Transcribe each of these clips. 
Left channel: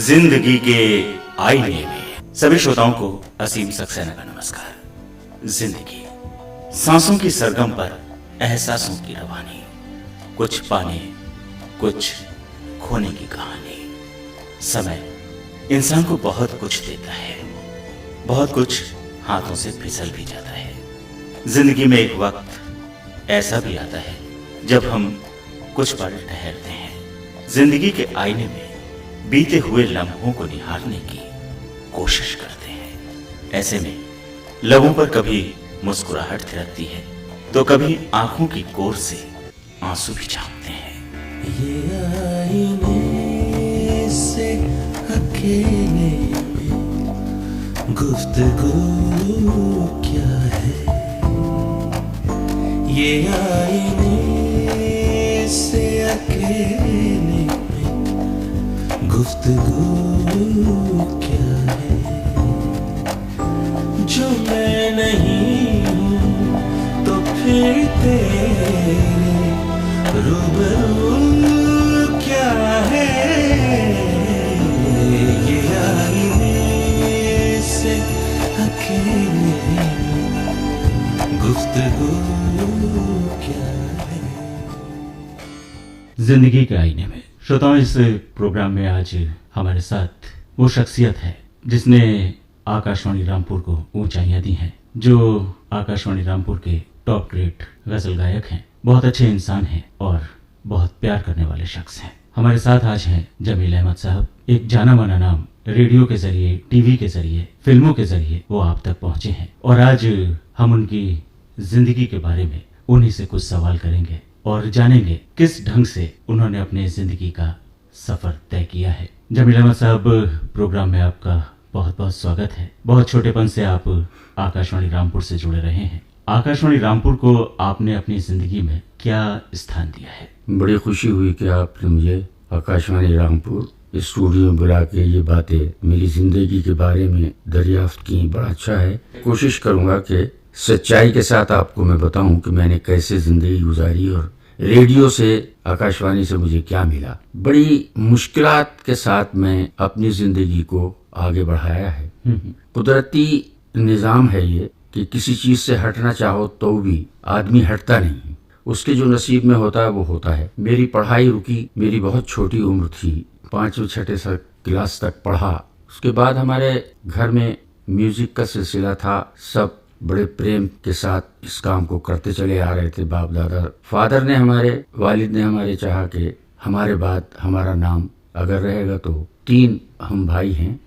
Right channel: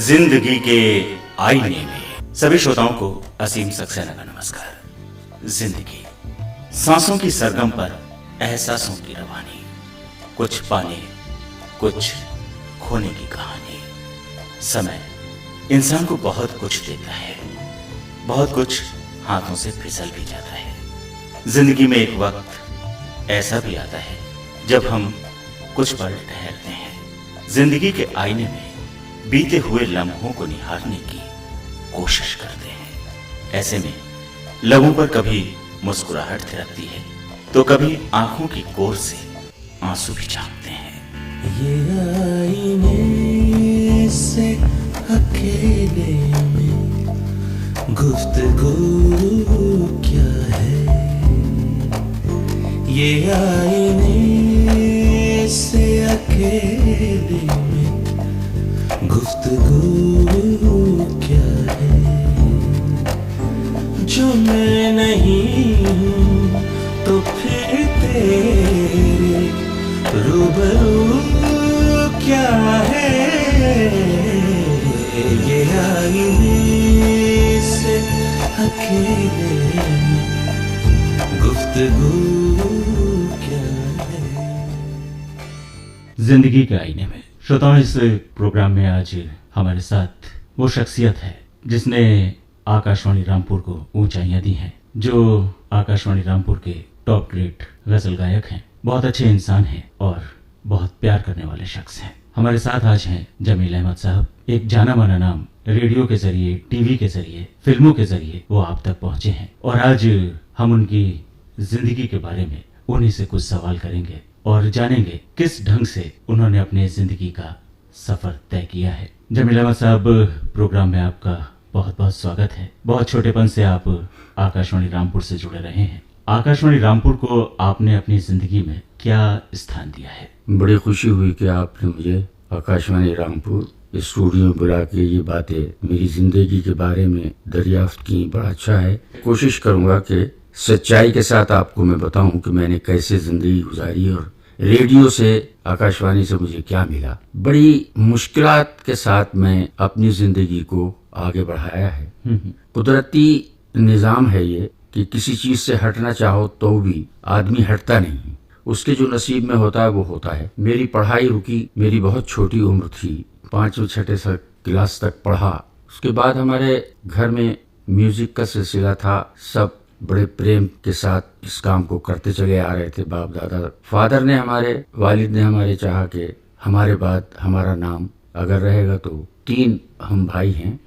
जिंदगी के आईने में सभी श्रोताओं को असीम सक्सेना का नमस्कार। जिंदगी सांसों की सरगम पर एहसासों की रवानी, कुछ पाने कुछ खोने की कहानी। समय इंसान को बहुत कुछ देता है, बहुत कुछ हाथों से फिसल भी जाता है। जिंदगी में एक वक्त ऐसा भी आता है जब हम कुछ पल ठहरते हैं, जिंदगी के आईने में बीते हुए लम्हों को निहारने की कोशिश करते हैं। ऐसे में लबों पर कभी मुस्कुराहट थिरकती है तो कभी आंखों की कोर से आंसू भी झांकते हैं। ये आईने से अकेले में गुफ्तगू क्या है, ये आईने से अकेले में गुफ्तगू क्या है। जो मैं नहीं हूँ तो फिर तेरे रूबरू क्या है, ये आईने से अकेले में गुफ्तगू क्या है। जिंदगी के आईने में श्रोताओं, इस प्रोग्राम में आज हमारे साथ वो शख्सियत है जिसने आकाशवाणी रामपुर को ऊंचाइयां दी हैं, जो आकाशवाणी रामपुर के टॉप ग्रेड गजल गायक हैं, बहुत अच्छे इंसान हैं और बहुत प्यार करने वाले शख्स हैं। हमारे साथ आज हैं जमील अहमद साहब। एक जाना माना नाम, रेडियो के जरिए, टीवी के जरिए, फिल्मों के जरिए वो आप तक पहुंचे हैं और आज हम उनकी जिंदगी के बारे में उन्हीं से कुछ सवाल करेंगे और जानेंगे किस ढंग से उन्होंने अपने जिंदगी का सफर तय किया है। जमील अहमद साहब, प्रोग्राम में आपका बहुत बहुत स्वागत है। बहुत छोटेपन से आप आकाशवाणी रामपुर से जुड़े रहे हैं। आकाशवाणी रामपुर को आपने अपनी जिंदगी में क्या स्थान दिया है? बड़ी खुशी हुई कि आपने मुझे आकाशवाणी रामपुर स्टूडियो में बुला के ये बातें मेरी जिंदगी के बारे में दरियाफ्त की। बड़ा अच्छा है। कोशिश करूंगा कि सच्चाई के साथ आपको मैं बताऊं कि मैंने कैसे जिंदगी गुजारी और रेडियो से, आकाशवाणी से मुझे क्या मिला। बड़ी मुश्किलात के साथ मैं अपनी जिंदगी को आगे बढ़ाया है। कुदरती निजाम है ये कि किसी चीज से हटना चाहो तो भी आदमी हटता नहीं है, उसके जो नसीब में होता है वो होता है। मेरी पढ़ाई रुकी, मेरी बहुत छोटी उम्र थी, 5वीं 6वीं क्लास तक पढ़ा। उसके बाद हमारे घर में म्यूजिक का सिलसिला था, सब बड़े प्रेम के साथ इस काम को करते चले आ रहे थे। बाप दादा, फादर ने, हमारे वालिद ने हमारे चाहा कि हमारे बाद हमारा नाम अगर रहेगा तो 3 हम भाई हैं,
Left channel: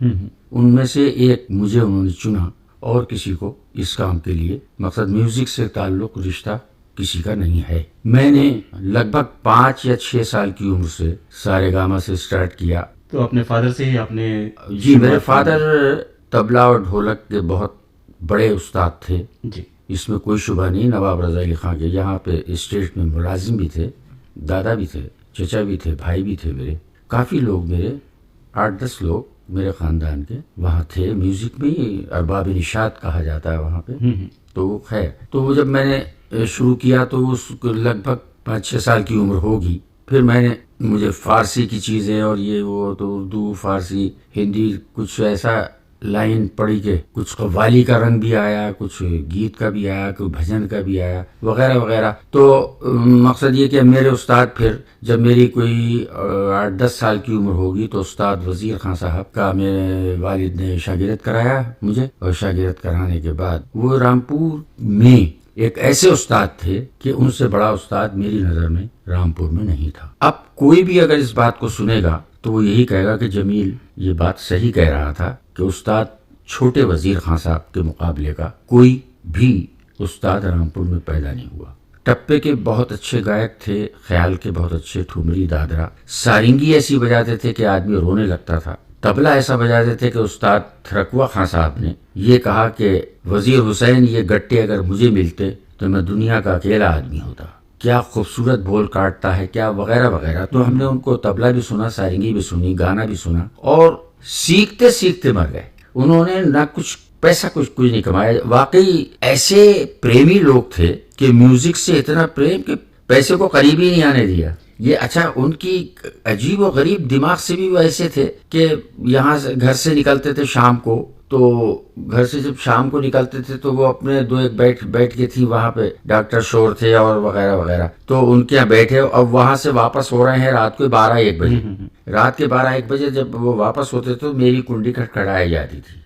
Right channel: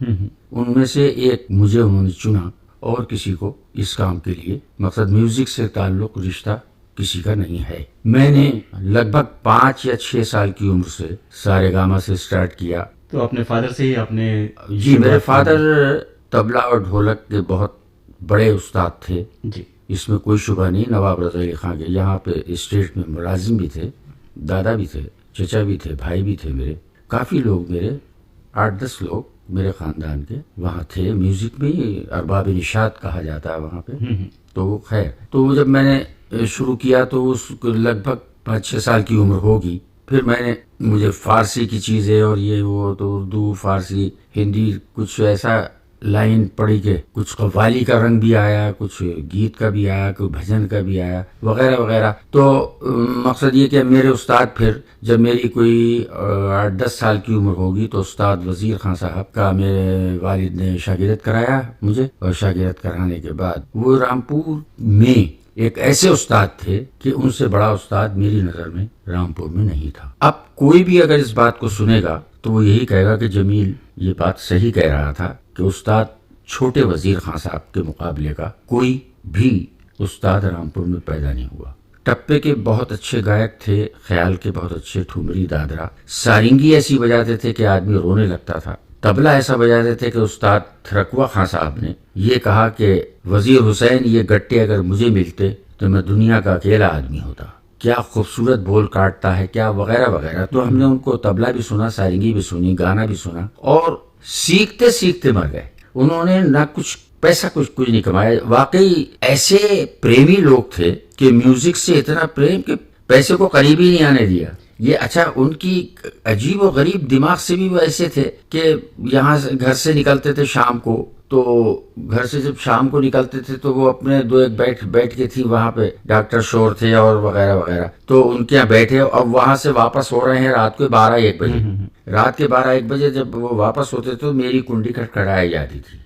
उनमें से एक मुझे उन्होंने चुना और किसी को इस काम के लिए, मकसद म्यूजिक से ताल्लुक रिश्ता किसी का नहीं है। मैंने लगभग 5 या 6 साल की उम्र से सारेगामा से स्टार्ट किया। तो अपने फादर से ही आपने? जी, मेरे फादर तबला और ढोलक के बहुत बड़े उस्ताद थे जी, इसमें कोई शुबा नहीं। नवाब रज़ा अली खां के यहाँ पे स्टेट में मुलाजिम भी थे, दादा भी थे, चचा भी थे, भाई भी थे। मेरे काफ़ी लोग, मेरे 8-10 लोग मेरे ख़ानदान के वहाँ थे। म्यूज़िक में ही अरबाब निशात कहा जाता है वहाँ पे। तो खैर, तो जब मैंने शुरू किया तो उस लगभग 5-6 साल की उम्र होगी। फिर मुझे फ़ारसी की चीज़ें और ये वो, तो उर्दू, फ़ारसी, हिंदी, कुछ ऐसा लाइन पड़ी के कुछ कव्वाली का रंग भी आया, कुछ गीत का भी आया, कुछ भजन का भी आया, वगैरह वगैरह। तो मकसद ये कि मेरे उस्ताद, फिर जब मेरी कोई 8-10 साल की उम्र होगी तो उस्ताद वजीर खां साहब का मेरे वालिद ने शागिर्द कराया मुझे, और शागिर्द कराने के बाद वो रामपुर में एक ऐसे उस्ताद थे कि उनसे बड़ा उस्ताद मेरी नज़र में रामपुर में नहीं था। अब कोई भी अगर इस बात को सुनेगा तो वो यही कहेगा कि जमील ये बात सही कह रहा था कि उस्ताद छोटे वजीर खां साहब के मुकाबले का कोई भी उस्ताद रामपुर में पैदा नहीं हुआ। टप्पे के बहुत अच्छे गायक थे, ख्याल के बहुत अच्छे, ठुमरी, दादरा, सारिंगी ऐसी बजाते थे कि आदमी रोने लगता था। तबला ऐसा बजाते थे कि उस्ताद थरकवा खां साहब ने ये कहा कि वजीर हुसैन, ये गट्टे अगर मुझे मिलते तो मैं दुनिया का अकेला आदमी होता। क्या खूबसूरत बोल काटता है, क्या वगैरह वगैरह। तो हमने उनको तबला भी सुना, सारिंगी भी सुनी, गाना भी सुना, और सीखते सीखते मर गए। उन्होंने ना कुछ पैसा कुछ नहीं कमाया। वाकई ऐसे प्रेमी लोग थे कि म्यूजिक से इतना प्रेम कि पैसे को करीब ही नहीं आने दिया। ये अच्छा, उनकी अजीब और गरीब दिमाग से भी वो ऐसे थे कि यहाँ से घर से निकलते थे शाम को, तो घर से जब शाम को निकलते थे तो वो अपने दो एक बैठ के थी वहां पे, डॉक्टर शोर थे और वगैरह वगैरह, तो उनके यहाँ बैठे। अब वहां से वापस हो रहे हैं रात के 12-1 बजे। रात के 12-1 बजे जब वो वापस होते तो मेरी कुंडी खटखटाई जाती थी।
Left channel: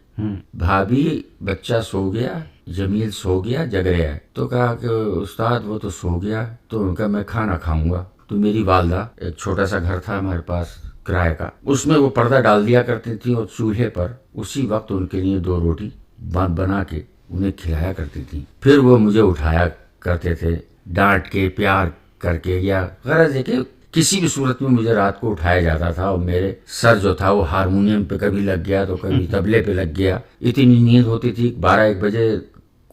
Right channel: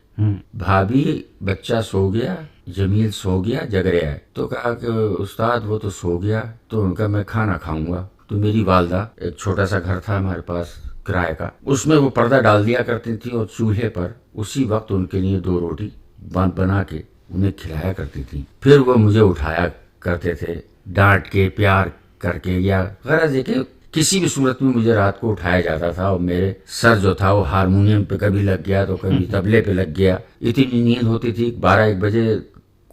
भाभी बच्चा सो गया, जमील सो गया, जग रहा है। तो कहा कि उस्ताद वो तो सो गया, तो उनका मैं खाना खाऊंगा। तो मेरी वालदा, एक छोटा सा घर था हमारे पास किराए का, उसमें वो पर्दा डाल दिया करती थी और चूल्हे पर उसी वक्त उनके लिए 2 रोटी बना के उन्हें खिलाया करती थी। फिर वो मुझे उठाया करते थे, डांट के, प्यार करके, या गरज है कि किसी भी सूरत में मुझे रात को उठाया जाता था। और मेरे सर जो था वो हारमोनियम पे कभी लग गया तो कभी तबले पे लग गया। इतनी नींद होती थी। 12-1 बजे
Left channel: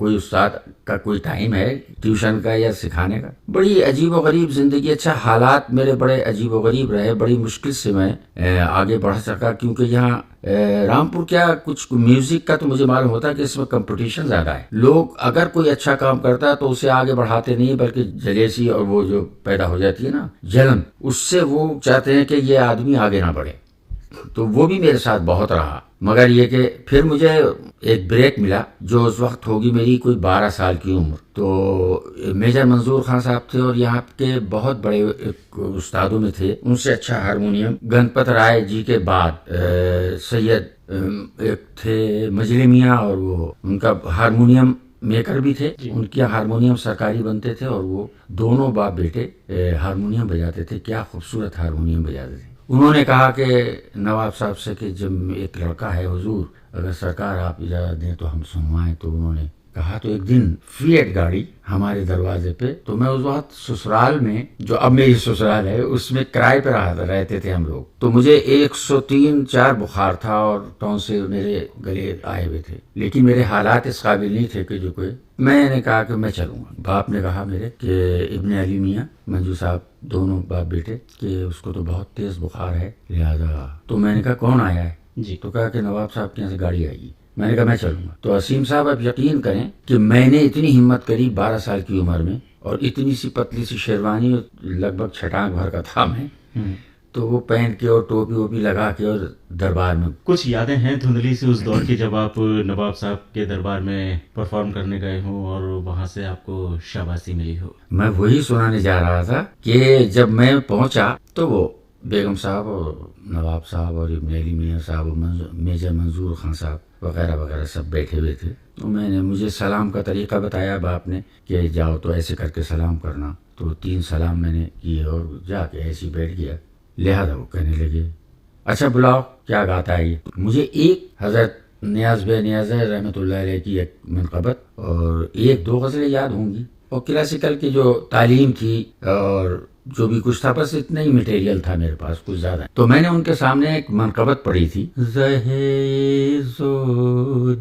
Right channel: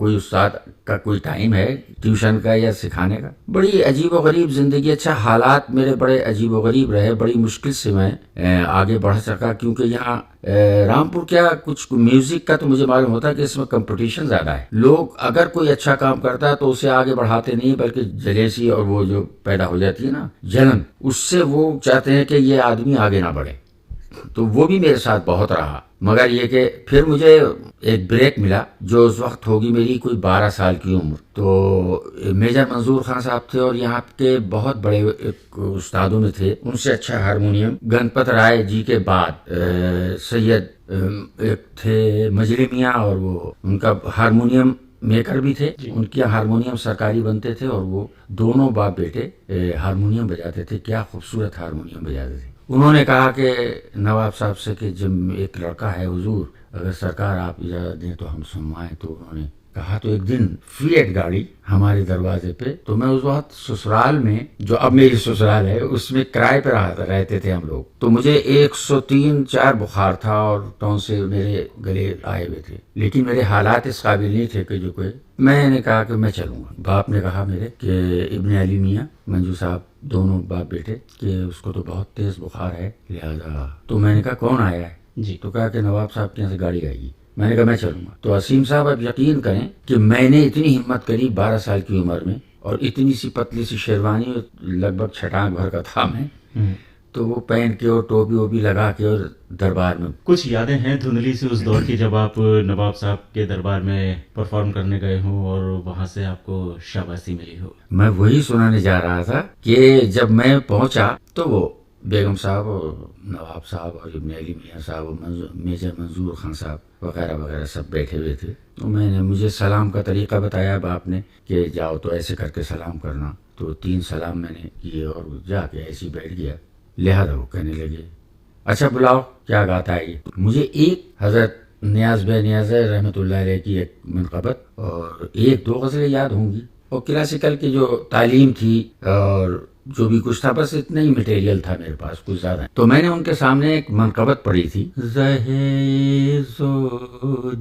कोई उस्ताद का कोई टाइम है ट्यूशन का या सिखाने का। बड़ी अजीब व गरीब जिंदगी। अच्छा, हालात मेरे बड़े अजीब व गरीब रहे। बड़ी मुश्किल से मैं आगे बढ़ सका, क्योंकि यहाँ रामपुर क्या, कुछ म्यूजिक का तो मुझे मालूम होता है कि इसमें कंपटीशन ज्यादा है। लोग अगर कोई अच्छा काम करता है तो उसे आगे बढ़ाते नहीं, बल्कि जलेसी और वो जो पैदा हो जाती है ना जलन, उससे वो चाहते हैं कि ये आदमी आगे ना बढ़े। तो वो भी मेरे साथ बहुत रहा। मगर ये कि फिर मुझे एक ब्रेक मिला, जो उस वक्त होगी मेरी कोई 12 साल की उम्र। तो मेजर मंजूर खान साहब थे और यहाँ के बहुत बड़े उस्तादों में थे। उनसे अच्छा हारमोनियम गणपत राय जी के बाद सैयद एक थे मजले मियाँ, और वो उनका हारमोनियम मेकर भी थे। उनके यहाँ हारमोनियम सरकारी बनते थे और वो दोनों बाप बेटे हारमोनियम बजाते थे। क्या खूबसूरत हारमोनियम बजाते थे। उन्होंने कहा कि नवाब साहब से कि जब एक लड़का है हुजूर, अगर सरकार आप इजाज़त दें तो हम सुनवाएं। तो उन्होंने कहा। तो एक दिन फिएट गाड़ी हमारे दरवाजे पे, तो मैं उस वक्त ससुराल में, जो अब मेरी ससुराल है, उसमें किराए पे रहते थे हम लोग। तो मुझे 103-4 बुखार था और टॉन्सिल मेरे गले आए हुए थे, लेकिन मेरे हालात इस काबिल नहीं थे कि जो कोई। मैंने कहा कि मैं चलूंगा। बाप ने कहा मेरे कि इब्ने अली मियाँ मंजू साहब, दोनों बाप बेटे, कि उसको तो बहुत तेज बुखार है, लिहाजा। तो मैंने कहा कौन आया है जी? तो कहा कि नवाब साहब के यहाँ से गाड़ी आएगी। मैंने कहा मैं चलूंगा। तो असीम साहब, आप यकीन करें कि मैंने इतनी हिम्मत करी 12 साल की उम्र में, और इतनी सी पतली सी शेरवानी, लगभग छटांग भर का था मैं, तो वो पहन के और टोपी वोपी लगा के और दरबार में। कुछ यादें हैं धुंधली सी उस दौर की, जब आप नवाब साहब के दरबार में परफॉर्म करने गए हों और वहां से आपको शाबाशी मिली हो? मैं वही सुनाने जा रहा था कि जब मैं पहुंचा तो वो बेगम साहब और नवाब साहब और इब्ने अली मियाँ साहब और मेजर मंजूर खान साहब वगैरह वगैरह सब बैठे हुए थे। तो मुझे सलाम का तरीका बताया बाप ने कि जाओ तो ऐसे करके सलाम करना। तो 3 सलाम मैंने किए और जाके ऐसे बैठ गया। लिहाजा वो कहने लगे, अच्छा बुलाओ क्या गाता है ये। मुझे एक हजरत नियाज बे नियाज रहमतुल्लाह अलैह की एक मनक़बत और 1-2 गज़लें याद होंगी, और क्लासिकल की जो तालीम थी और जो भी कुछ था, बस इतना ही मटेरियल था मेरे पास, कुछ ज्यादा। तो मैंने उनके सामने एक मनक़बत पढ़ी थी, ज़हे-ज़ो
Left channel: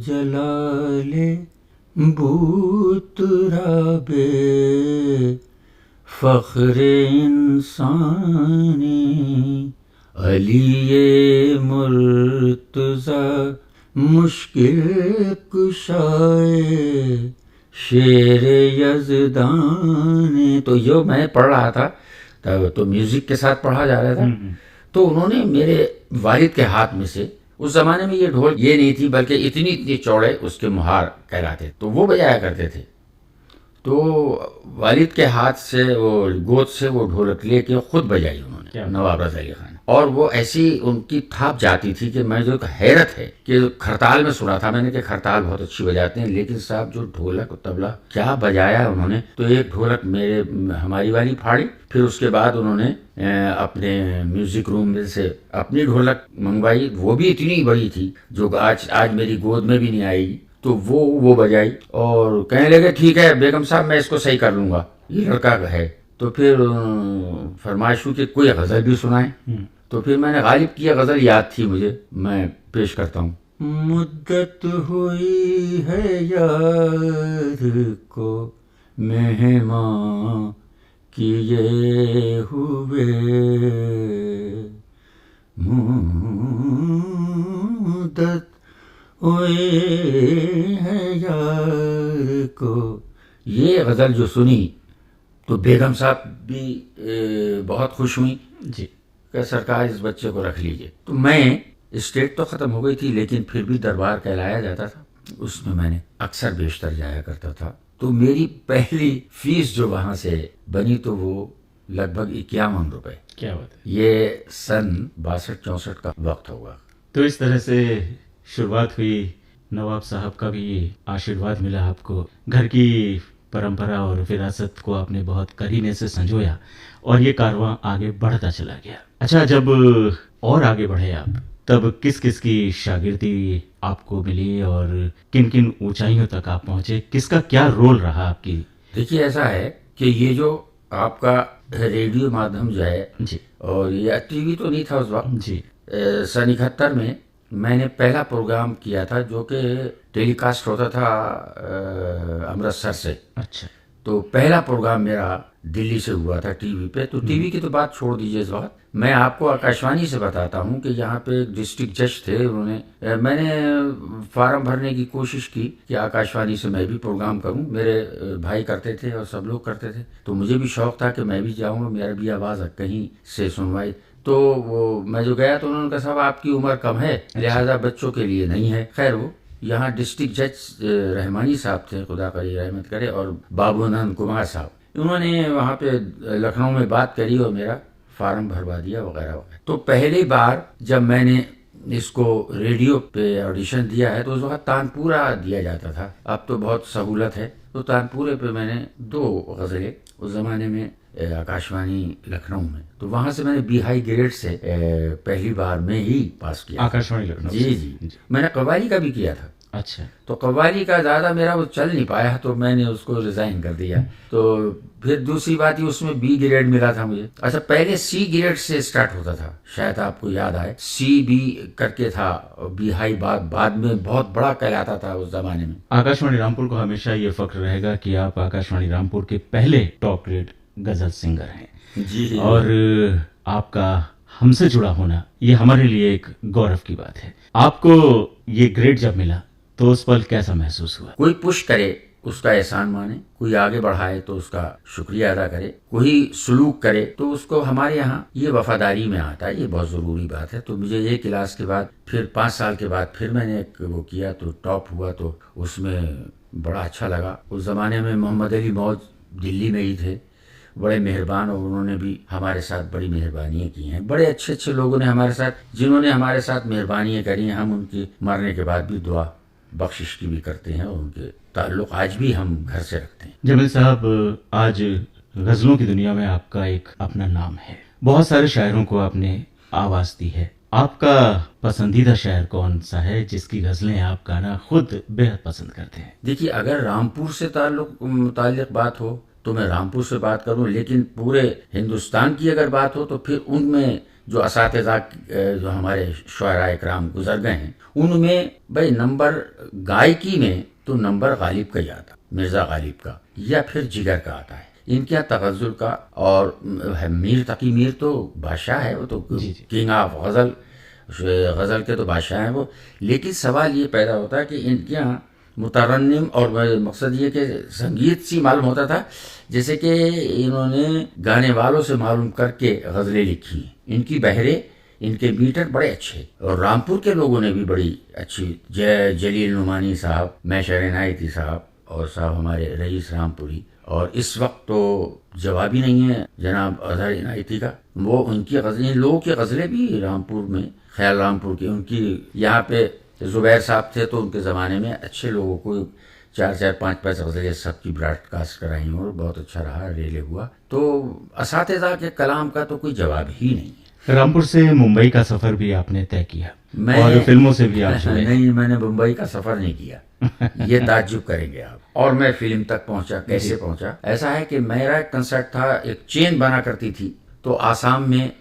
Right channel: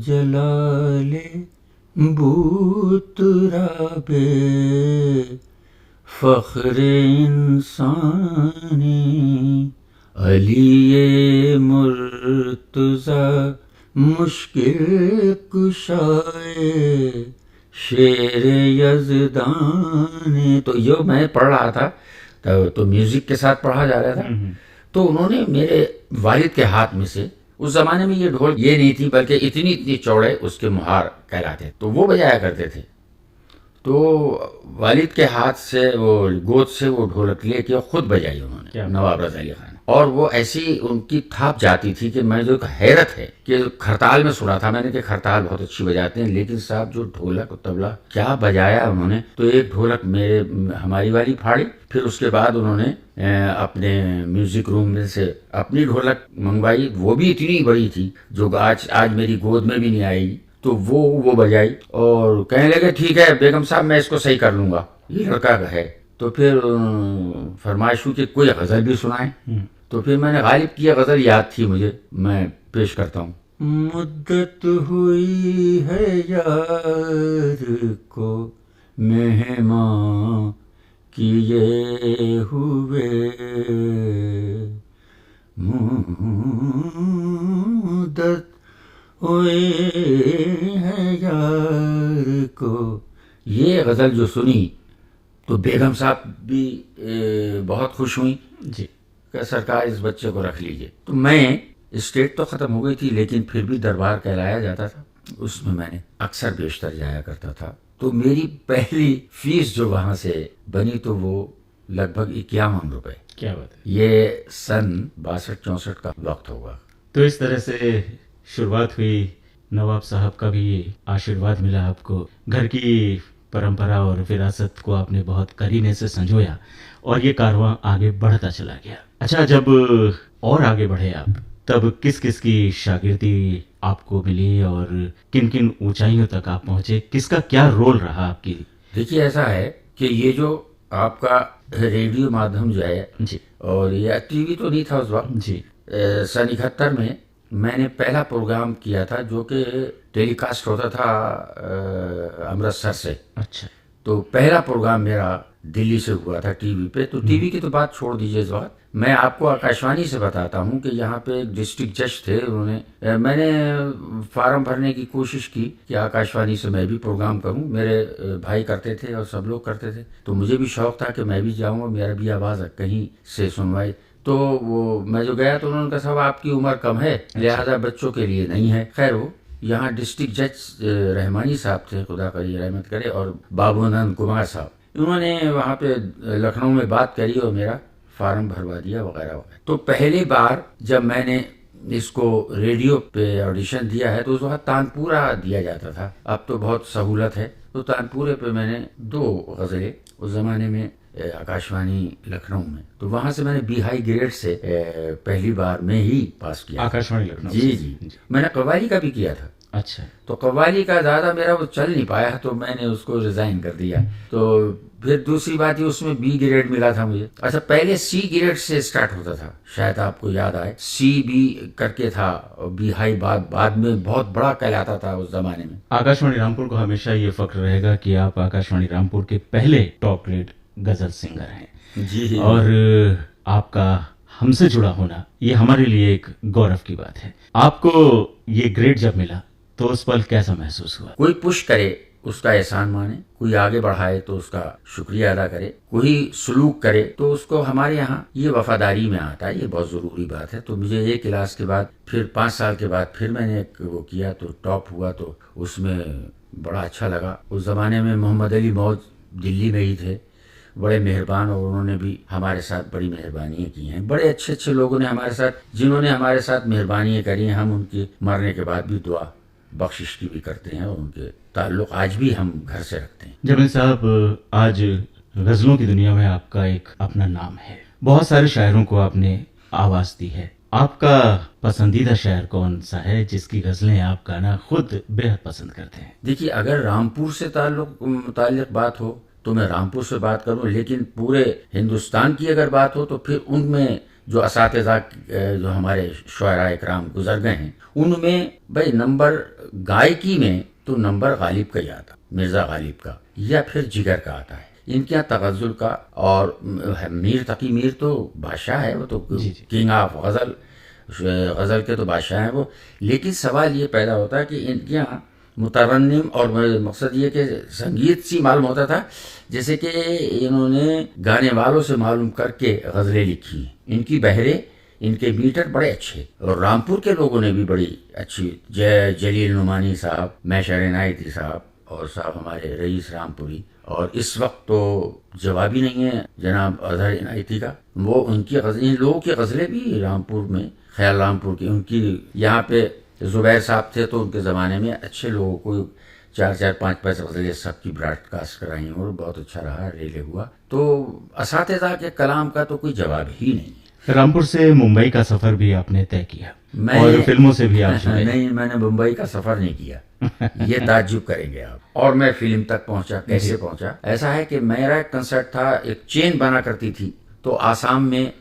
जलाले बूतराबे फ़ख्रे इंसाने अली मुर्तज़ा मुश्किल कुशाए शेर यज़दाने। तो जो मैं पढ़ रहा था तो म्यूजिक के साथ पढ़ा जा रहा था। तो उन्होंने मेरे वालिद के हाथ में से, उस जमाने में ये ढोल ये नहीं थी बल्कि इतनी चौड़े उसके मुहार कहलाते, तो वो बजाया करते थे। तो वालिद के हाथ से वो गोद से वो ढोलक लेके खुद बजाई उन्होंने, नवाब रज़ा अली खान। और वो ऐसी उनकी थाप जाती थी कि मैं जो हैरत है कि खरताल में सुना था मैंने कि खरताल बहुत अच्छी बजाते हैं, लेकिन साहब जो ढोलक तबला क्या बजाया उन्होंने। तो एक ढोलक हमारी वाली फाड़ी, फिर उसके बाद उन्होंने अपने म्यूजिक रूम में से अपनी ढोलक मंगवाई, वो भी इतनी बड़ी थी जो आज मेरी गोद में भी नहीं आएगी। तो वो बजाई और कहने लगे ठीक है बेगम साहब मैं इसको सही कर लूंगा, ये लड़का है। तो फिर फरमाइश हुई कि कोई गज़ल भी सुनाए। तो फिर मैंने गालिब की गज़ल याद थी मुझे, मैं पेश करता हूँ। मुद्दत हुई है यार को मेहमान किए हुए, मुद्दत हुए है यार को। ये गज़ल जो सुनी तो बेगम साहब भी बहुत खुश हुई जी। कि सरकार इस बच्चे को रख लीजिए। तो मैं, स्टेट तो ख़त्म हो गई थी लेकिन फिर भी दरबार कहलाया जाता था, उसमें मैंने अक्सर बेशतर जाया करता था। तो मेरी पहली फीस जो वहाँ से बनी तो वो लगभग 51 रुपये। क्या बात है। ये सन 62-64 का वक्त होगा। तो इस तरह से शुरुआत हुई। नवाब साहब का भी आशीर्वाद मिला आपको, घर की परंपरा और विरासत को आपने बहुत करीने से संजोया और ये कारवां आगे बढ़ता चला गया। अच्छा, जब और आगे बढ़े आप, तब किस किस की शागिर्दी आपको मिली और किन किन ऊंचाइयों तक आप पहुंचे? किसका क्या रोल रहा आपकी? देखिए, ऐसा है कि ये जो आपका रेडियो माध्यम जो है जी। और ये टीवी तो नहीं था उस वक्त जी। सन 71 में मैंने पहला प्रोग्राम किया था जो कि टेलीकास्ट होता था अमृतसर से। अच्छा। तो पहला प्रोग्राम मेरा दिल्ली से हुआ था टीवी पे। तो टीवी की तो बात छोड़ दीजिए इस वक्त, मैं आपको आकाशवाणी से बताता हूँ कि यहाँ पे एक डिस्ट्रिक्ट जज थे, उन्होंने मैंने फार्म भरने की कोशिश की कि आकाशवाणी से मैं भी प्रोग्राम करूँ। मेरे भाई करते थे और सब लोग करते थे, तो मुझे भी शौक था कि मैं भी जाऊँ और मेरा भी आवाज़ कहीं से सुनवाई। तो वो मैं जो गया तो उन्होंने कहा साहब आपकी उम्र कम है, लिहाजा बच्चों के लिए नहीं है। खैर, वो यहाँ डिस्ट्रिक्ट जज रहमानी साहब थे, खुदा करी रहमत करे, और बाबू आनंद कुमार साहब, उन्होंने वहाँ पे लखनऊ में बात करी और मेरा फार्म भरवा दिया वगैरह वगैरह। तो पहली बार जब मैंने इसको रेडियो पे ऑडिशन दिया है तो उस वक्त तानपुरा दिया जाता था, अब तो बहुत सहूलत है। तो तानपुरे पे मैंने 2 गज़लें उस ज़माने में आकाशवाणी लखनऊ में, तो वहाँ से मैंने बी हाई ग्रेड से पहली बार में ही पास किया। आकाशवाणी लखनऊ जी, जी। मैंने कव्वाली का भी किया था। अच्छा। तो कव्वाली का ज़्यादा मेरा वो चल नहीं पाया तो मैंने उसको रिज़ाइन कर दिया। तो फिर दूसरी बात ही उसमें बी ग्रेड मिला था मुझे। अच्छा, पहले सी ग्रेड से स्टार्ट होता था, शायद आपको याद आए, सी बी करके था, बी हाई बाद में बहुत बड़ा कहलाता था उस ज़माने में। आकाशवाणी रामपुर को हमेशा ये फक्र रहेगा कि आप आकाशवाणी रामपुर के पहले टॉप ग्रेड गज़ल सिंगर हैं जी। और आपका हमसे जुड़ा होना ये हमारे लिए एक गौरव की बात है। आपको ये ग्रेड जब मिला तो उस पल कैसा महसूस हुआ? कोई पुश करे उसका एहसान माने, कोई आगे बढ़ाए तो उसका शुक्रिया अदा करे, कोई सलूक करे तो उसको, हमारे यहाँ ये वफादारी में आता है, ये बहुत ज़रूरी बात है। तो मुझे 1 क्लास के बाद फिर 5 साल के बाद फिर मैंने एक वो किया तो टॉप हुआ, तो उसमें बड़ा अच्छा लगा। उस ज़माने में मोहम्मद अली मौज दिल्ली में ही थे, बड़े मेहरबान, और उन्होंने भी हमारे साथ बड़ी मेहरबानियाँ की हैं। बड़े अच्छे अच्छे लोगों ने हमारे साथ, जिन्होंने हमारे साथ मेहरबानियाँ करी हैं, हम उनके मरने के बाद भी दुआ बख्शिश की भी करते हैं और उनके ताल्लुक़ आज भी हम घर से रखते हैं। जमील साहब, आज गज़लों की दुनिया में आपका एक अपना नाम है, बहुत सारे शायरों को आपने आवाज़ दी है। आपका पसंदीदा शायर कौन सा है जिसकी गज़लें आप गाना खुद बेहद पसंद करते हैं? देखिए, अगर रामपुर से ताल्लुक़ बात हो तो मैं रामपुर से बात करूं, लेकिन पूरे हिंदुस्तान की अगर बात हो तो फिर उनमें जो असातिज़ा जो हमारे शुअराए इकराम गुजर गए हैं, उनमें भाई नंबर गायकी में तो नंबर गालिब का ही आता, मिर्ज़ा गालिब का या फिर जिगर का आता है। इनके यहाँ तगज़ुल का, और मीर तकी मीर तो बादशाह है, वो तो किंग ऑफ गज़ल के तो बादशाह हैं वो। लेकिन सवाल ये पैदा होता है कि इनके यहाँ मुतरन्निम, और मकसद ये कि संगीत सी मालूम होता था, जैसे कि इन्होंने गाने वालों से मालूम करके गज़लें लिखी। इनकी बहरे, इनके मीटर बड़े अच्छे, और रामपुर के लोगों ने भी बड़ी अच्छी, जलील नुमानी साहब, मैशर इनायती साहब, और साहब हमारे रईस रामपुरी, और इस वक्त तो जवाब ही नहीं है जनाब अजहर इनायती का, वो उनकी इन लोगों की गज़लें भी रामपुर में, ख्याल रामपुर की, उनकी यहाँ पे ज़ुबैर साहब थे तो उनके ज़माने में अच्छे लोगों को 4-4, 5-5 गज़लें सबकी ब्रॉडकास्ट कराई और बहुत अच्छा रहा, रेले हुआ। तो असातिज़ा के कलाम का तो कोई जवाब ही नहीं है। रामपुर से मुंबई का सफ़र भी आपने तय किया और फिल्मों से भी आप जुड़े। नहीं, मैंने मुंबई का सफ़र नहीं किया, ये ताज्जुब करेंगे आप। और मैं फिल्म तक पहुंचा, कैसे पहुंचा? ऐसा है कि मेरा कंसर्ट था, एक चेन बना करती थी, तो आसाम में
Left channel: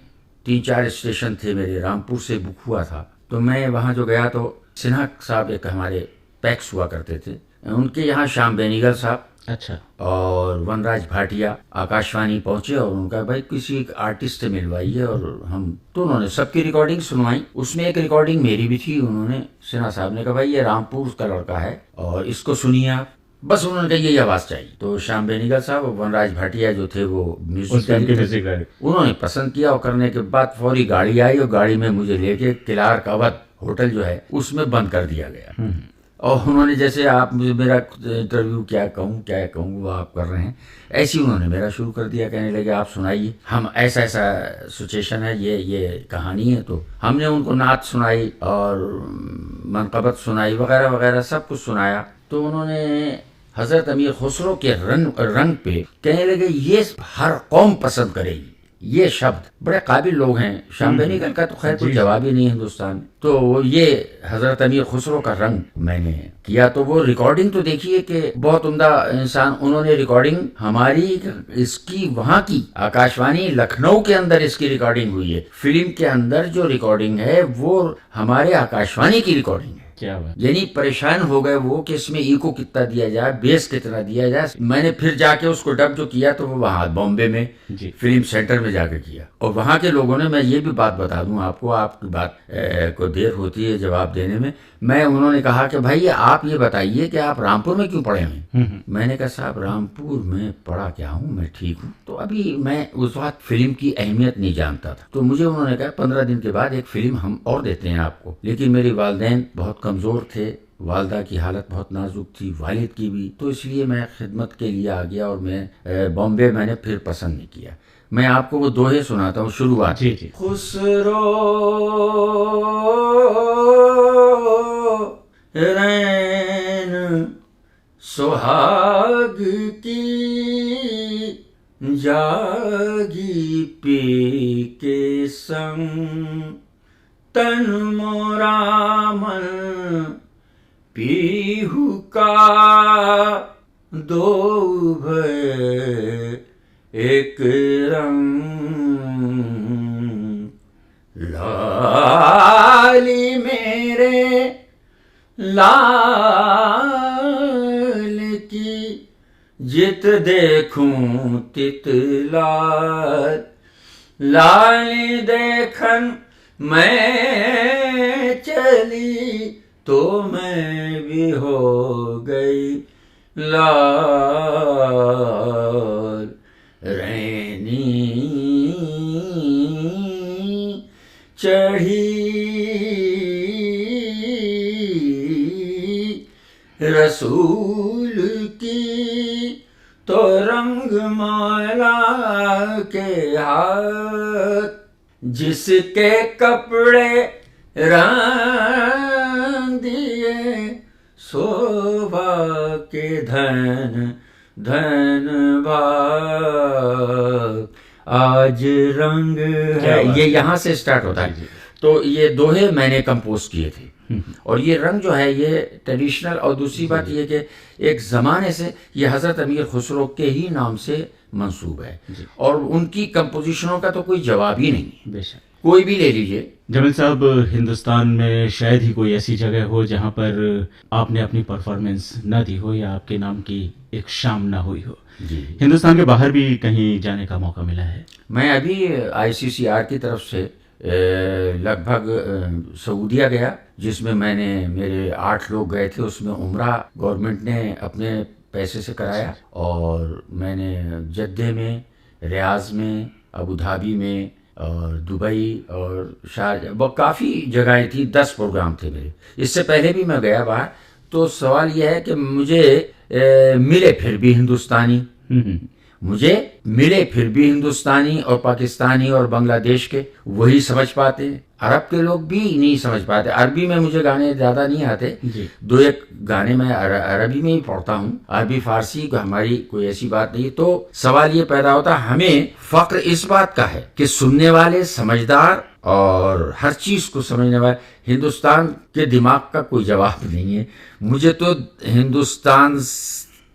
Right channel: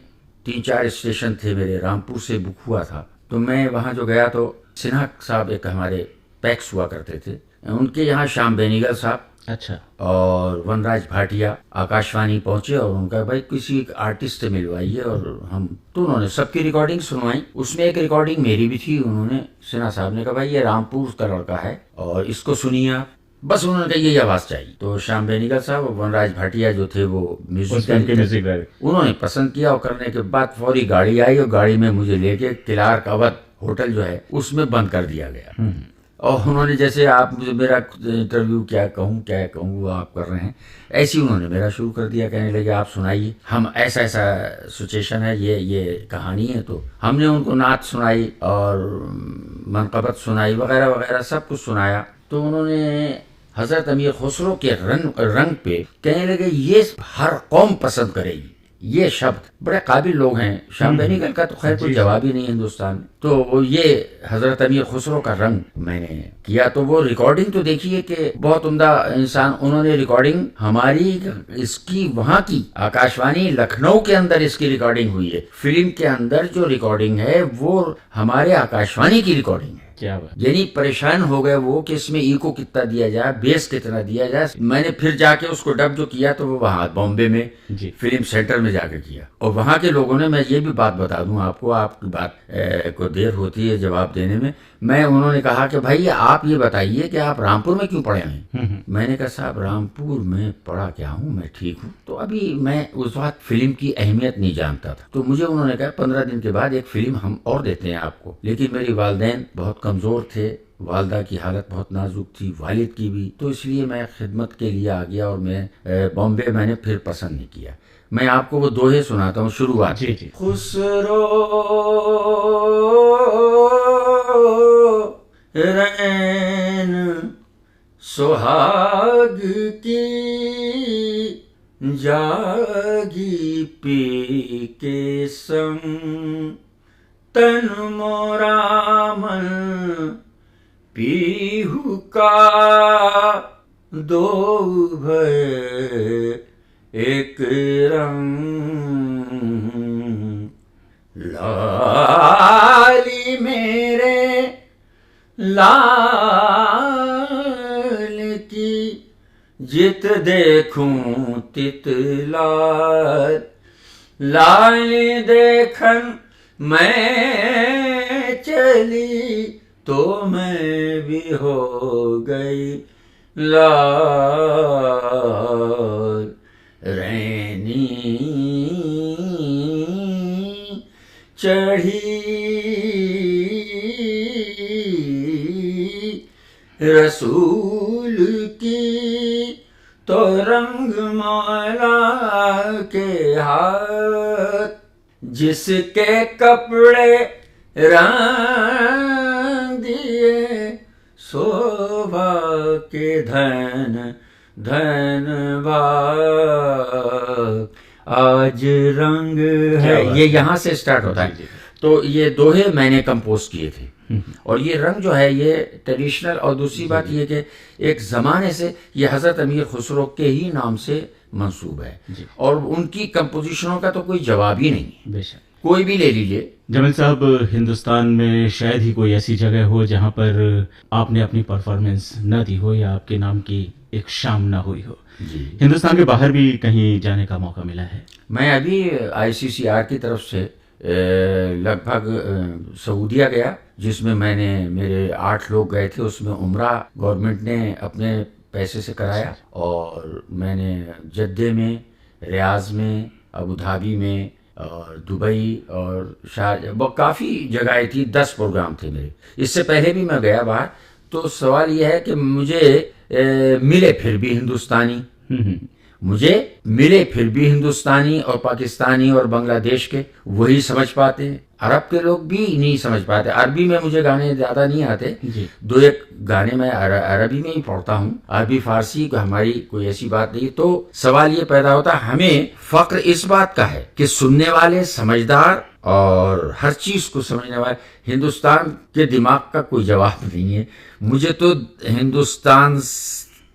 3-4 स्टेशन थे मेरे, रामपुर से बुक हुआ था। तो मैं वहाँ जो गया तो सिन्हा साहब एक हमारे पैक्स हुआ करते थे, उनके यहाँ श्याम बेनीगल साहब, अच्छा, और वनराज भाटिया आकाशवाणी पहुंचे और उनका भाई किसी एक आर्टिस्ट से मिलवाइए, और हम तो उन्होंने सबकी रिकॉर्डिंग सुनवाई। उसमें एक रिकॉर्डिंग मेरी भी थी। उन्होंने, सिन्हा साहब ने कहा भाई ये रामपुर का लड़का है और इसको सुनिए आप। बस उन्होंने कहा यही आवाज चाहिए। तो श्याम बेनेगल साहब और वनराज भाटिया जो थे वो उस फिल्म के म्यूजिक डायरेक्टर, उन्होंने पसंद किया और करने के बाद फौरी गाड़ी आई और गाड़ी में मुझे लेके क्लार्क अवध होटल जो है उसमें बंद कर दिया गया। और उन्होंने जैसे आप मुझे मेरा इंटरव्यू क्या कहूँ वो आप कर रहे हैं, ऐसे ही उन्होंने मेरा शुरू कर दिया। कहने लगे आप सुनाइए, हम ऐसा सिचुएशन है, ये कहानी है। तो हमने उनको नात सुनाई और मनकबत सुनाई वगैरह वगैरह सब कुछ सुनाया। तो उन्होंने हजरत अमीर खुसरो के रंग पे कहने लगे ये हर कौम पसंद करेगी, ये शब्द बड़े काबिल लोग हैं। श्याम बेनेगल का तो खैर कोई जवाब ही नहीं है हिंदुस्तान में। तो वो ये हजरत अमीर खुसरो का रंग मैंने किया। तो वो रिकॉर्डिंग तो देखिए कि बहुत उम्दा इंसान, उन्होंने रिकॉर्डिंग हमारी इसकी वहां की आकाशवाणी लखनऊ के अंदर इसकी रिकॉर्डिंग हुई है। फिल्म के अंदर जो रिकॉर्डिंग है वो हमारे आकाशवाणी की रिकॉर्डिंग है। क्या बात। यानी परेशान हो गए वो कि इसमें इको कितना दिया जाए, बेस कितना दिया जाए। मैंने फिर जाके उसको डब जो किया तो वो वहां बॉम्बे में फिल्म सेंटर में जाके किया। और वहां के लोगों ने, मैं ये भी बात बता दूं आपको, आपकी बात को देर होती है जवाब देने में, उन्होंने कहा कि भाई आप ये बताइए कि आप रामपुर में क्यों पढ़े हैं। मैंने कहा साहब रामपुर में पढ़ा क्या हूँ, मैं ठीक हूँ। तो अभी मैं उस वक्त फिल्म की अहमियत नहीं जानता था। तो मुझे उन्होंने कहा 15 दिन के बाद एक फिल्म हम और देते हैं आपको। लेकिन मेरी वालिदैन बहुत कमजोर थे, वालदा की हालत बहुत नाजुक थी, वालिद की भी। तो इसलिए मैं खिदमत के लिए आ गया और मैं बॉम्बे मैंने फिर पसंद नहीं किया। मैं आपको वो दोहे सुनाता हूँ शुरुआत। जी जी। खुसरो रैन सुहाग की जागी पी के संग, तन मोरामन पीहू का दो भय एक रंग, लाली मेरे लाल की जित देखूं तित लाल, लाली देखन मैं चली तो मैं भी हो गई लाल, रैनी चढ़ी रसूल की तो रंग मौला के हाथ, जिसके कपड़े रंग दिए शोभा के धन धन भाग, आज रंग है। ये यहाँ से स्टार्ट होता है। तो ये दोहे मैंने कंपोज किए थे। और ये रंग जो है ये ट्रेडिशनल, और दूसरी बात ये कि एक ज़माने से ये हज़रत अमीर खुसरो के ही नाम से मंसूब है और उनकी कंपोजिशनों का तो कोई जवाब ही नहीं। बेशक, कोई भी ले लीजिए। जमील साहब, हिंदुस्तान में शायद ही कोई ऐसी जगह हो जहां पर आपने अपनी परफॉर्मेंस न दी हो या आपके नाम की एक शाम न हुई हो। जी, हिंदुस्तान के बाहर भी कहीं जाने का मौका मिला है? मैं अभी ICCR की तरफ से लगभग सऊदीया गया, जिसमें मेरे 8 लोग गए थे। उसमें उम्रा गवर्नमेंट ने अपने पैसे से कराया और मैंने जद्दे में, रियाज में, अबू धाबी में और दुबई और शारजा, वो काफ़ी जगहें थी। 10 प्रोग्राम थे मेरे। इससे पहले भी मैं गया बाहर। तो सवाल यह है कि मुझे मिले फिर भी हिंदुस्तानी, मुझे मिले फिर भी हिंदुस्तानी और पाकिस्तानी और बांग्लादेश के, वही समझ पाते हैं। अरब के लोग भी नहीं समझ पाते। अरबी में मुझे गाने ज़्यादा नहीं आते, 2-1 गाने मैं अरबी में ही पढ़ता हूँ। अरबी फारसी हमारी कोई ऐसी बात नहीं। तो सवाल ये पैदा होता, हमें फक्र इस बात का है कि सुनने वाले समझदार और हर चीज को समझने वाले। हिंदुस्तान के दिमाग का कोई जवाब नहीं है। मुझे तो हिंदुस्तान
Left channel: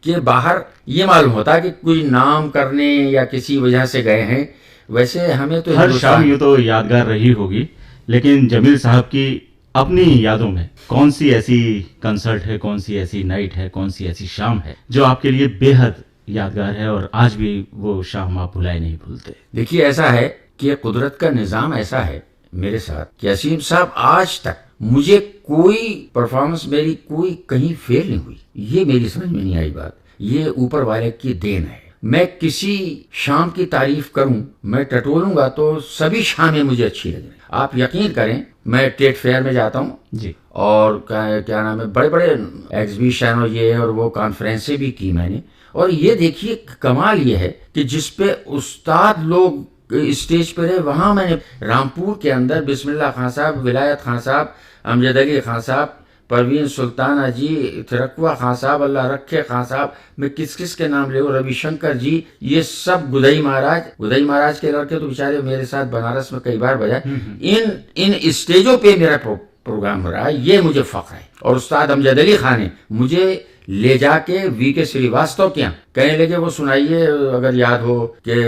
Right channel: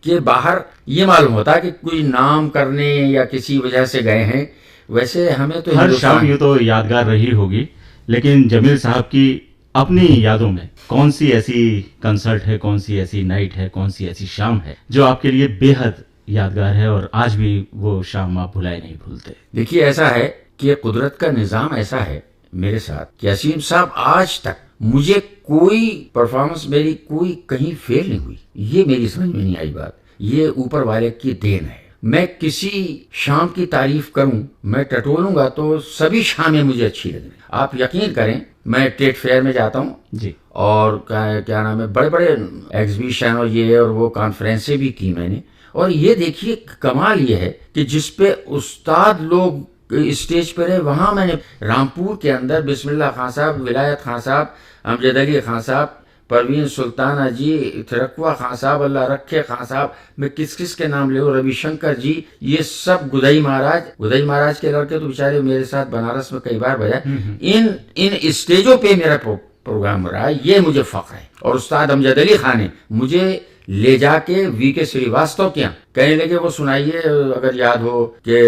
के बाहर ये मालूम होता कि कोई नाम करने या किसी वजह से गए हैं। वैसे हमें तो हर शाम यूँ तो यादगार रही होगी, लेकिन जमील साहब की अपनी यादों में कौन सी ऐसी कंसर्ट है, कौन सी ऐसी नाइट है, कौन सी ऐसी शाम है जो आपके लिए बेहद यादगार है और आज भी वो शाम आप भुलाए नहीं भूलते? देखिए, ऐसा है कि कुदरत का निज़ाम ऐसा है मेरे साथ कि असीम साहब आज तक मुझे कोई परफॉर्मेंस मेरी कोई कहीं फेल नहीं हुई। ये मेरी समझ में नहीं आई बात। ये ऊपर वाले की देन है। मैं किसी शाम की तारीफ करूं, मैं टटोलूंगा तो सभी शामें मुझे अच्छी लगेंगी। आप यकीन करें, मैं ट्रेड फेयर में जाता हूं जी, और क्या नाम है, बड़े बड़े एग्जीबिशन और ये और वो कॉन्फ्रेंसें भी की मैंने। और ये देखिए कमाल ये है कि जिस पे उस्ताद लोग स्टेज पे रहे, वहां मैंने रामपुर के अंदर बिस्मिल्लाह खां साहब, विलायत खां साहब, अमजद अली खां साहब, परवीन सुल्ताना जी, थिरकवा खां साहब, अल्लाह रखे खां साहब, मैं किस किस के नाम ले, रविशंकर जी, ये सब गुदई महाराज के लड़के तो बेचारे मेरे साथ बनारस में कई बार बजाए। इन स्टेजों पे मेरा प्रोग्राम हो रहा है, ये मुझे फख्र है। और उस्ताद अमजद अली खान ने मुझे ले जाके वीके श्रीवास्तव के यहाँ कहने लगे, वो सुनाइए अगर याद हो कि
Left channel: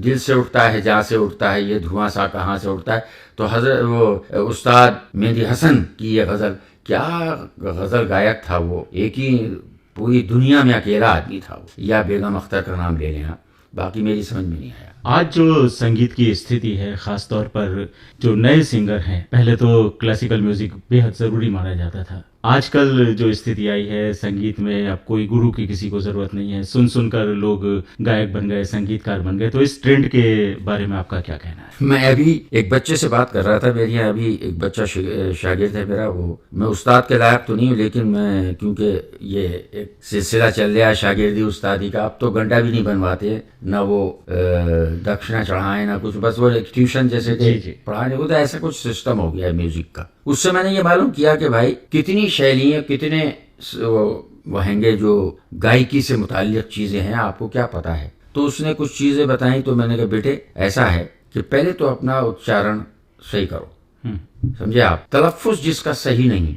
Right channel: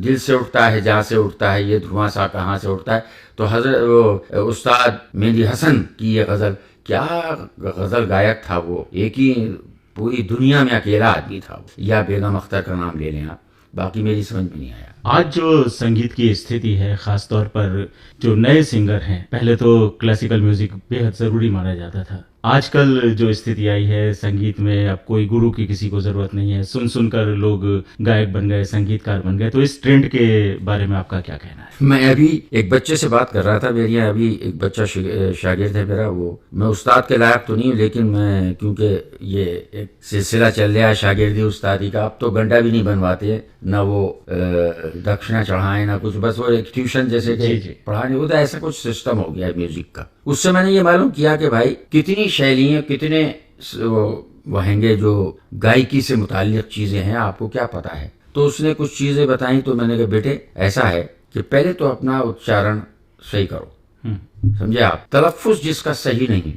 दिल से उठता है जहाँ से उठता है, ये धुआं सा कहाँ से उठता है। तो हजरत वो उस्ताद मेहंदी हसन की ये गजल, क्या गजल गायक था वो, एक ही पूरी दुनिया में अकेला आदमी था वो। या बेगम अख्तर का नाम ले लें आप, बाकी मेरी समझ में नहीं आया। आज जो संगीत की स्थिति है, खास तौर पर जो नए सिंगर हैं, पहले तो क्लासिकल म्यूजिक बेहद ज़रूरी माना जाता था। आजकल जो स्थिति आई है संगीत में, अब कोई गुरु की किसी को ज़रूरत नहीं है, सुन सुनकर लोग गायक बन गए, संगीतकार बन गए। तो इस ट्रेंड के बारे में आपका क्या कहना है? मैं अभी एक बच्चे से बात कर रहा था, मेरे यहाँ अभी एक बच्चा शागिर्द है मेरा। वो मैं उस्ताद के लायक तो नहीं हूँ, लेकिन मैं क्योंकि ये एक सिलसिला चल रहा है शागिर्दी उस्तादी का, अब तो गंडा भी नहीं बनवाते, ना वो दक्षिणा चढ़ाएं ना कुछ, बस वो एक ट्यूशन जैसे कि पढ़ाने को, तो ऐसा कुछ सिस्टम हो गया है म्यूजिक का। उससे मैंने ये मालूम किया कि भाई कितनी शैलियाँ, कितने वहंगे जो गायकी से मुताल्लिक चीज़ें हैं, आपको क्या पता है। तो उसने कुछ चीज़ें बताई, तो मैंने कहा बेटे ऐसा है कि पहले तो अपना उच्चारण सही करो, समझे आप। तलफ़ुज़ जिसका सही नहीं,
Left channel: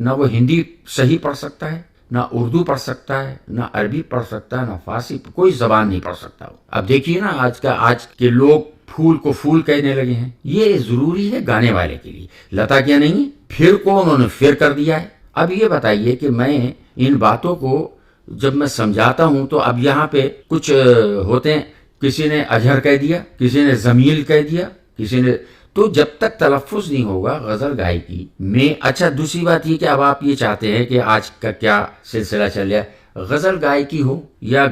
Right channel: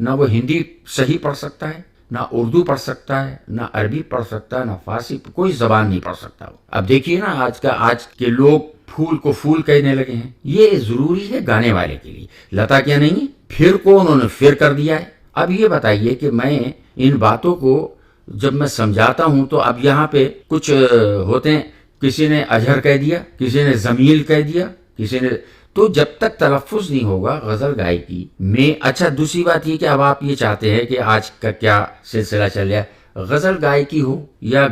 ना वो हिंदी सही पढ़ सकता है, ना उर्दू पढ़ सकता है, ना अरबी पढ़ सकता है, ना फारसी, कोई जबान नहीं पढ़ सकता। अब देखिए ना आज के लोग फूल को फूल कहने लगे हैं। ये जरूरी है गाने वाले के लिए। लता क्या नहीं, फिर को उन्होंने फिर कर दिया है। अब ये बताइए कि मैं इन बातों को जब मैं समझाता हूं, तो अब यहाँ पे कुछ होते हैं, किसी ने अजहर कह दिया, किसी ने जमील कह दिया, किसी ने, तो जब तक तलफ़ुज़ नहीं होगा गजल गायकी में। अच्छा, दूसरी बात ये कि अब आप ये चाहते हैं कि आज का क्या सिलसिला चल रहा है, गजल गायकी हो या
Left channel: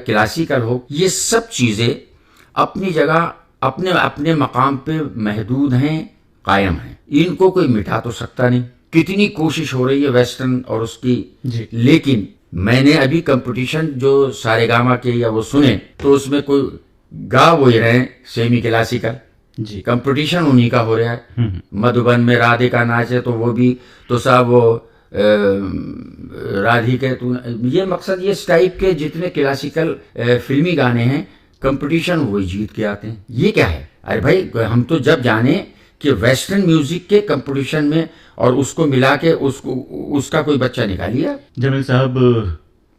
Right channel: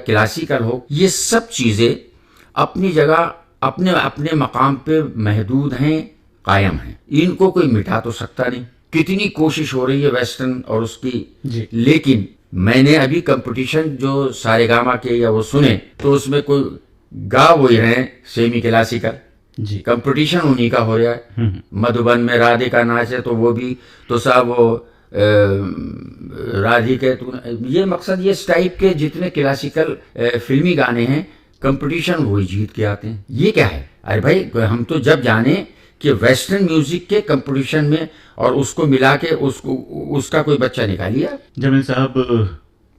क्लासिकल हो, ये सब चीजें अपनी जगह अपने अपने मकाम पे महदूद हैं, कायम हैं। इनको कोई मिटा तो सकता नहीं। कितनी कोशिश हो रही है वेस्टर्न और उसकी जी। लेकिन मैंने अभी कंपटीशन जो सारेगामा के या वो सुने, तो उसमें कोई गा वो ही रहे सेमी क्लासिकल जी, कंपटीशन उन्हीं का हो रहा है। मधुबन में राधे का नाच है, तो वो भी तो साहब वो राधिके तू, ये मकसद ये इस टाइप के जितने क्लासिकल फिल्मी गाने हैं, कंपटीशन वही जीत के आते हैं। ये क्या है? अरे भाई, हम तो जब जाने कि वेस्टर्न म्यूजिक के कंपटीशन में और उसको मिला के उसका कोई बच्चा निकालिए। जमील साहब,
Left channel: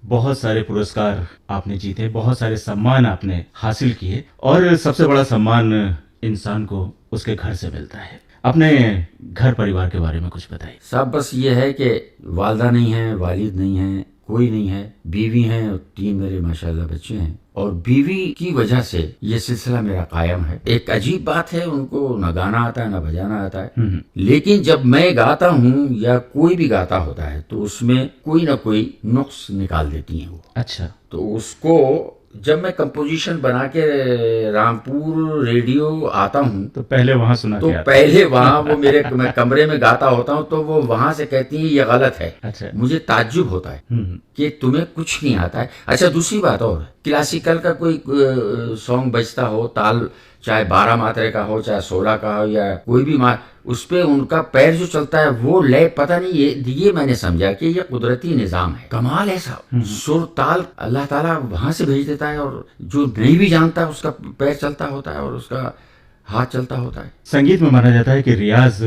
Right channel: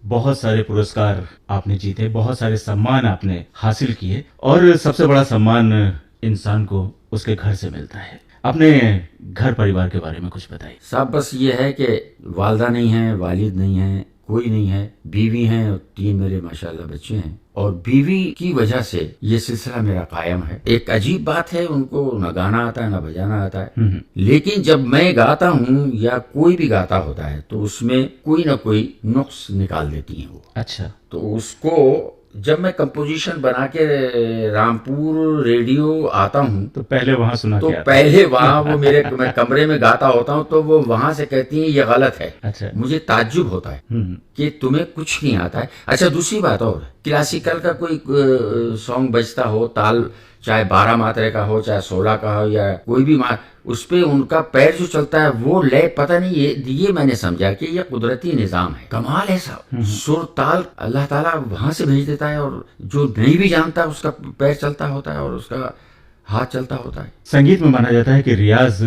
बहुत सारे पुरस्कार आपने जीते, बहुत सारे सम्मान आपने हासिल किए, और सबसे बड़ा सम्मान इंसान को उसके घर से मिलता है। अपने घर परिवार के बारे में कुछ बताइए। साहब बस ये है कि वालदा नहीं है, वालिद नहीं है, कोई नहीं है, बीवी हैं और 3 मेरे माशाल्लाह बच्चे हैं। और बीवी की वजह से ये सिलसिला मेरा कायम है। एक अजीब बात है, उनको न गाना आता है न बजाना आता है, लेकिन जब मैं गाता हूँ या कोई भी गाता होता है, तो उसमें कोई न कोई नुक्स निकाल देती हैं वो। अच्छा, तो उसको जब मैं कंपोजिशन बना के रामपुर रेडियो आता हूँ, तो पहले वहां सुना तो पहले वहां वो मेरे मैं कमरे में गाता होता हूँ, तो वो वहां से कहती हैं ये गलत है। अच्छा, मुझे ताज्जुब होता है कि तुम्हें कुछ नहीं आता है। अच्छा, दूसरी बात और, क्लासिकल का कोई सॉन्ग बजता हो, ताल चाहे 12 मात्रे का हो, चाहे 16 का हो, या कोई भी उस पे उनका पैर जो चलता है वो लय, पता नहीं, ये मैंने समझा कि ये कुदरती निजाम है। कमाल है साहब। सुर ताल अल्लाह ताला वहां से भेज देता है, और जो नहीं भी जानता उसका पैर चलता होता है और उसका हाथ चलता होता है। संगीत में माना जाता है कि रियाज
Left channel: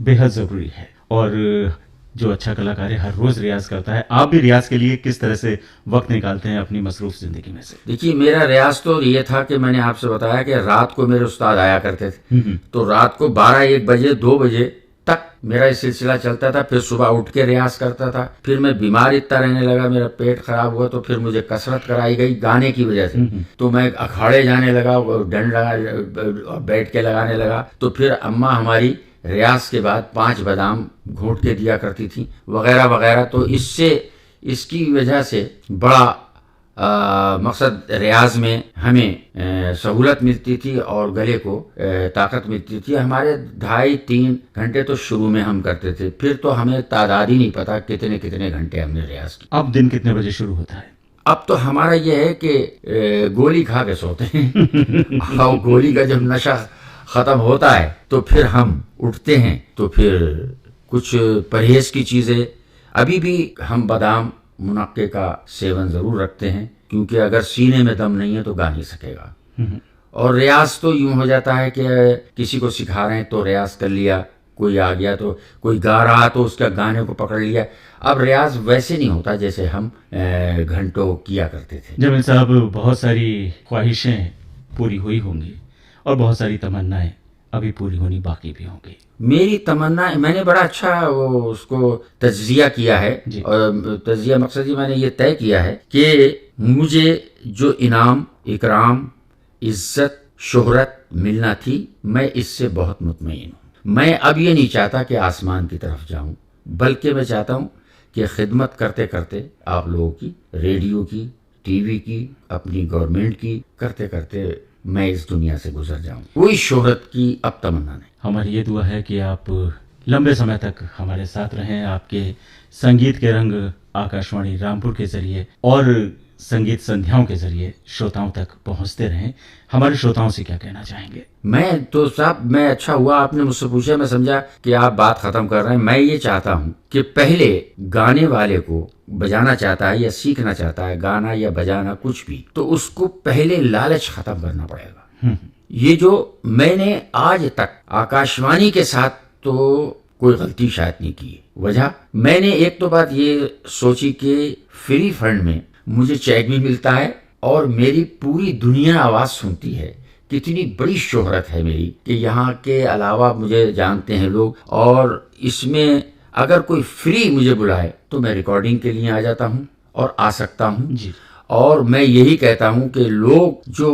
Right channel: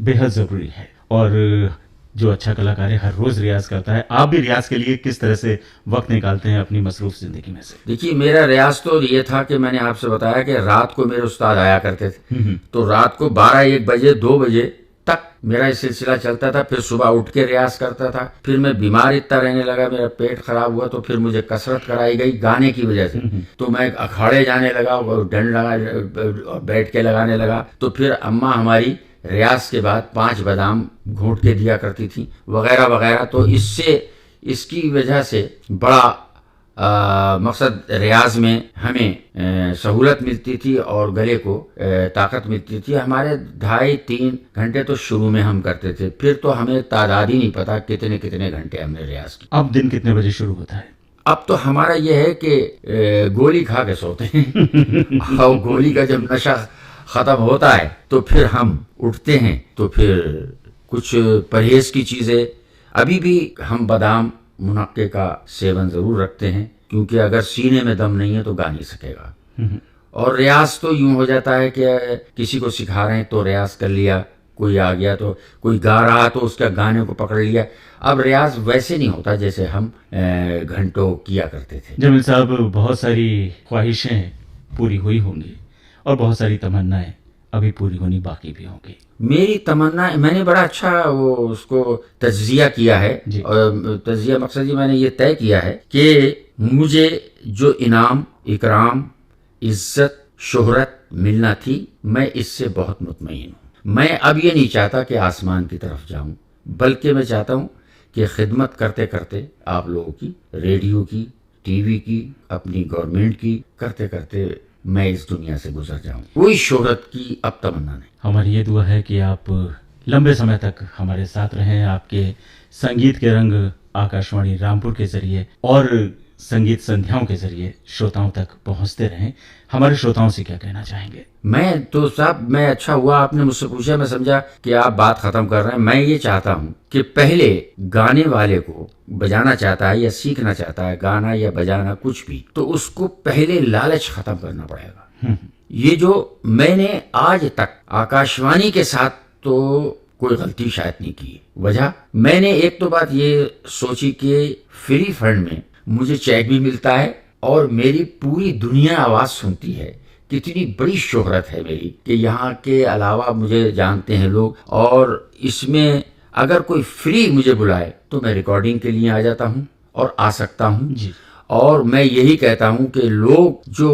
बेहद जरूरी है, और जो अच्छा कलाकार है हर रोज रियाज करता है। आप भी रियाज के लिए किस तरह से वक्त निकालते हैं अपनी मसरूफ जिंदगी में से? देखिए, मेरा रियाज तो ये था कि मैंने आपसे बताया कि रात को मेरे उस्ताद आया करते थे, तो रात को 12-1 बजे 2 बजे तक मेरा ये सिलसिला चलता था। फिर सुबह उठ के रियाज करता था। फिर मैं बीमार इतना रहने लगा, मेरा पेट खराब हुआ, तो फिर मुझे कसरत कराई गई गाने की वजह से। तो मैं अखाड़े जाने लगा, डंड लगा और बैठ के लगाने लगा। तो फिर अम्मा हमारी रियाज के बाद 5 बादाम घोंट के दिया करती थी वगैरह वगैरह। तो इसकी वजह से बड़ा मकसद रियाज में हमें सहूलत मिलती थी और गले को ताकत मिलती थी। हमारे 2.5-3 घंटे तो शुरू में हम करते थे, फिर तो हमें तादाद ही नहीं पता कितने कितने घंटे हमने रियाज की। अब दिन कितने बजे शुरू होता है? अब तो हमारा यह है कि गोली खा के सोते हैं और गोली का जब नशा ख़त्म होता है तो फिर हम उठते हैं। तो फिर कुछ परहेज़ की चीज़ें, अभी भी हम बादाम मुनक्के का सेवन ज़रूर रखते हैं, क्योंकि अगर सीने में दम नहीं है तो गा नहीं सकेगा। और रियाज तो यूं हो जाता है कि किसी को सिखा रहे हैं तो रियाज कर लिया, कोई आ गया तो कोई गा रहा तो उसका गाने को पकड़ लिया। अब रियाज वैसे नहीं होता जैसे हम घंटों किया करते थे। जमील साहब, बहुत सारी ख्वाहिशें पूरी हुई होंगी और बहुत सारी तमन्नाएं अभी पूरी होनी बाकी भी होंगी। मेरी तमन्ना, मैंने बड़ा अच्छा वो उसको तज्जिया किया है। और तज्जिया मकसद ये मैंने ये तय किया है कि मुझे जो इनाम, इकराम, इज्जत, शोहरत मिलना थी, मैं इससे बहुत मुतमईन हूँ। मैं अब ये नहीं चाहता कि आसमान की तरफ जाऊँ, बल्कि मैं चाहता हूँ कि खिदमत करते करते आप लोगों की, रेडियो की, टीवी की, अपनी गवर्नमेंट की करते करते मैं इस दुनिया से गुजर जाऊं। कोई शोहरत की अब तमन्ना नहीं। हमारी ये दुआ है कि आप लंबे समय तक हमारे साथ रहें, आपके संगीत के रंग आकाशवाणी रामपुर के जरिए और संगीत संध्याओं के जरिए श्रोताओं तक पहुंचते रहें। हमारे श्रोताओं से क्या कहना चाहेंगे? मैं तो साहब, मैं अच्छा हुआ आपने मुझसे पूछा, मैं समझा कि आप बात खत्म कर रहे हैं। मैं ये चाहता हूं कि पहले गाने वाले को बजाना चाहता है या सीखना चाहता है गाना या बजाना कुछ भी, तो उसको पहले लालच खत्म करना पड़ेगा। ये जो मैंने आज तक आकाशवाणी के साथ तो कोई गलती शायद नहीं की। वजह, मैंने एक तो बात ये सोची कि फ्री फंड में मुझे चेक भी मिलता है और मेरी पूरी दुनिया आवाज़ सुनती है। कितनी बड़ी शोहरत है मेरी कि यहाँ के अलावा मुझे जानते हैं लोग, और इसमें अगर कोई फ्री मुझे बुलाए तो मैं रिकॉर्डिंग के लिए आ जाता हूँ और आ सकता हूँ जी। और मैं यही कहता हूँ कि लोग जो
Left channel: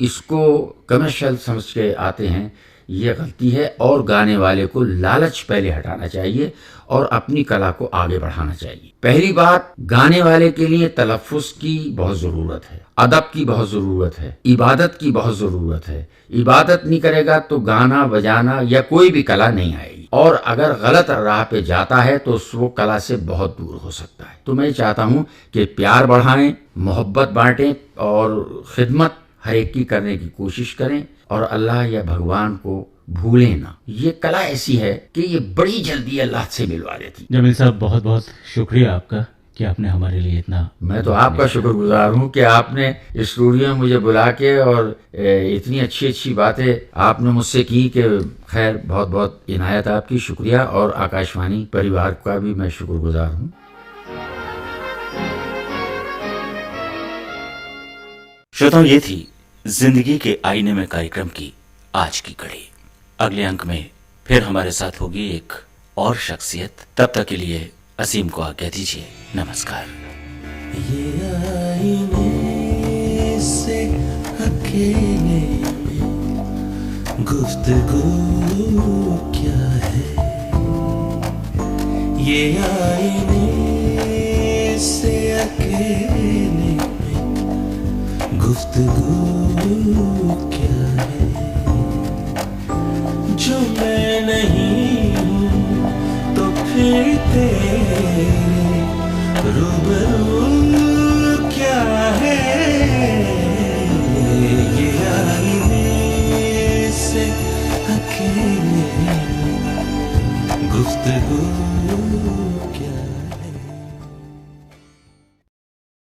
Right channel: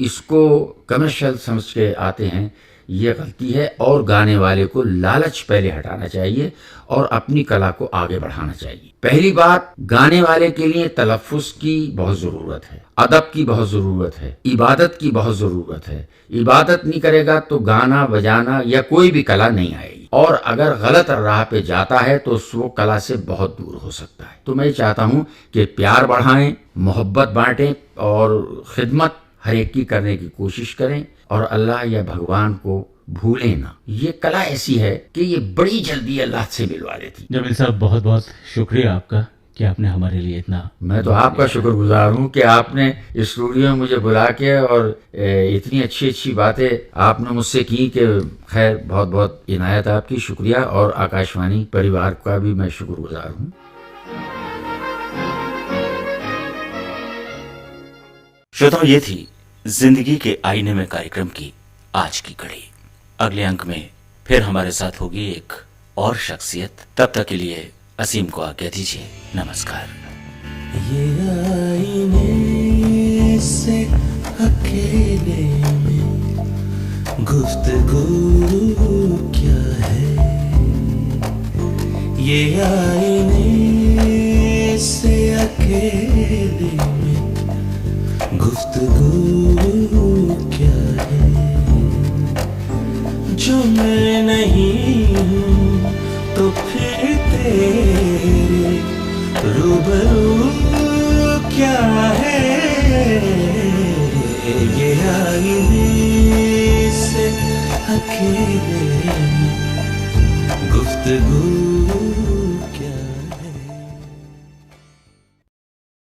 इसको कमर्शियल समझ के आते हैं, ये गलती है, और गाने वाले को लालच पहले हटाना चाहिए और अपनी कला को आगे बढ़ाना चाहिए। पहली बात, गाने वाले के लिए तलफ़्फ़ुज़ की बहुत ज़रूरत है, अदब की बहुत ज़रूरत है, इबादत की बहुत ज़रूरत है। इबादत नहीं करेगा तो गाना बजाना या कोई भी कला नहीं आएगी, और अगर गलत राह पे जाता है तो वो कला से बहुत दूर हो सकता है। तो मैं चाहता हूँ कि प्यार बढ़ाएं, मोहब्बत बांटें और खिदमत हर एक की करने की कोशिश करें, और अल्लाह या भगवान को भूलें ना। ये कला ऐसी है कि ये बड़ी जल्दी अल्लाह से मिलवा देती। जमील साहब, बहुत बहुत शुक्रिया आपका कि आपने हमारे लिए इतना। मैं तो आपका शुक्रगुजार हूँ कि आपने स्टूडियो में मुझे बुला के और इतनी अच्छी अच्छी बातें आपने मुझसे की कि खैर, बहुत बहुत इनायत आपकी, शुक्रिया। और आकाशवाणी परिवार का भी मैं शुक्रगुजार हूँ। श्रोताओं, ये थी जिंदगी के आईने में कार्यक्रम की आज की कड़ी। अगले अंक में फिर हमारे साथ होगी एक और शख्सियत। तब तक के लिए असीम को आज्ञा दीजिए। नमस्कार। ये आईने से अकेले में गुफ्तगू क्या है, ये आईने से अकेले में गुफ्तगू क्या है, जो मैं नहीं हूँ तो फिर तेरे रूबरू क्या है, ये आईने से अकेले में गुफ्तगू